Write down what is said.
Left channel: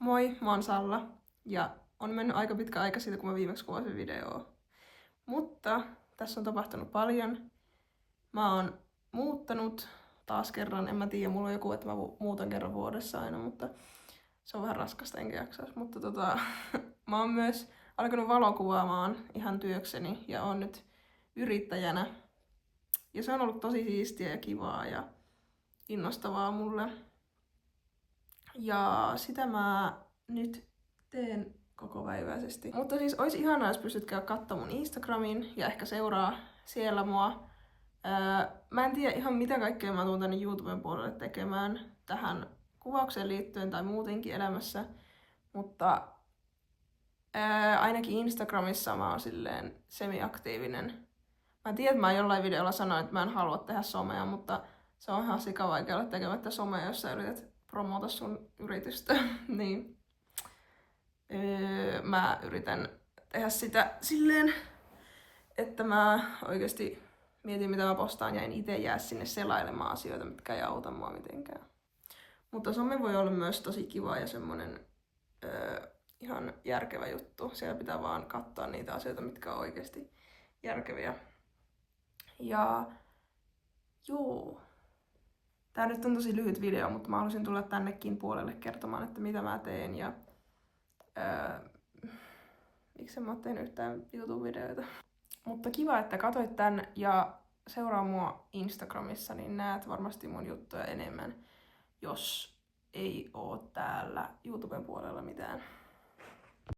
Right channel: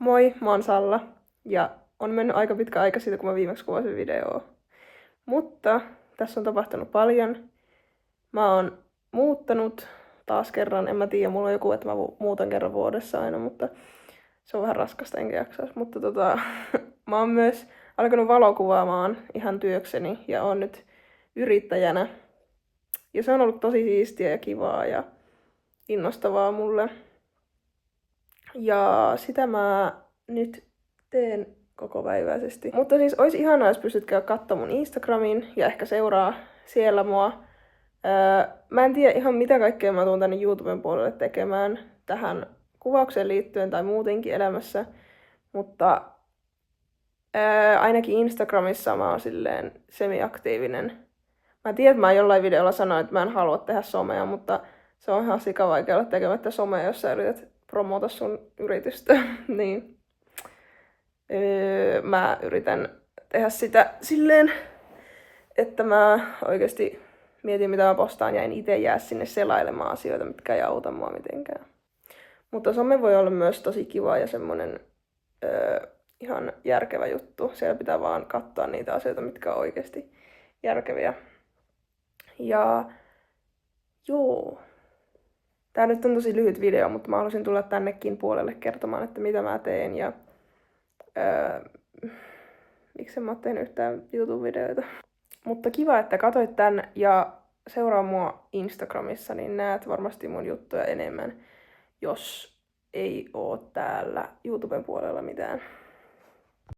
Moi, mä oon Salla ja on mennyt aika pitkä aika siitä, kun mä viimeksi kuvasin videoa. Mutta tässä on tapahtunut paljon. Mä oon muuttanut taas kerran, en mä tiedä, mulla on joku, että mä muutan kerran vuodessa aina, mutta se on vähän raskasta, enkä jaksaisi. Mutta mä oon myös alkanut valokuvaamaan ihan työkseni ja oon nyt yrittäjänä. Ja se on ollut tosi siistiä ja kivaa ja innostavaa mulle. Ja sitä mä nyt teen kokopäiväisesti. Mutta siis olisi ihanaa, jos pystyt käydä katsomaan mun Instagramin ja ehkä seuraa siellä mua. Mä en tiedä ihan mitä kaikkea mä tuun tänne YouTuben puolelle tekemään tähän kuvaukseen liittyen tai muutenkin elämässä. Mutta ainakin Instagramissa mä oon silleen semi-aktiivinen. Mä tiedän, että mä jollain videolla sanoin, että mä en halua tehdä somea, mutta se on ihan sikavaikea olla tekemättä somea, jos sä yrität promota sun yritystä. Niin. Mä yritän tehdä sitä silleen, että mä oikeasti mietin, mitä mä postaan ja en itse jää sinne selailemaan asioita, mitkä ei auta mua mitenkään. Mutta some voi olla myös tosi kiva ja semmonen ihan järkevä juttu. Siellä pitää vaan katsoa niitä asioita, mitkä on oikeasti järkeviä. Ja joo. Tää nyt on tosi lyhyt video, mutta mä halusin tulla tännekin puolelle kertomaan, että mitä mä teen ja miksi mä oon tehnyt yhtään YouTube-videoita. Mutta kiva, että katsoit tän ja seuraa mua Instagramissa, niin näet varmasti mun juttuja enemmän, jos ei oo täällä YouTuben puolella mitään.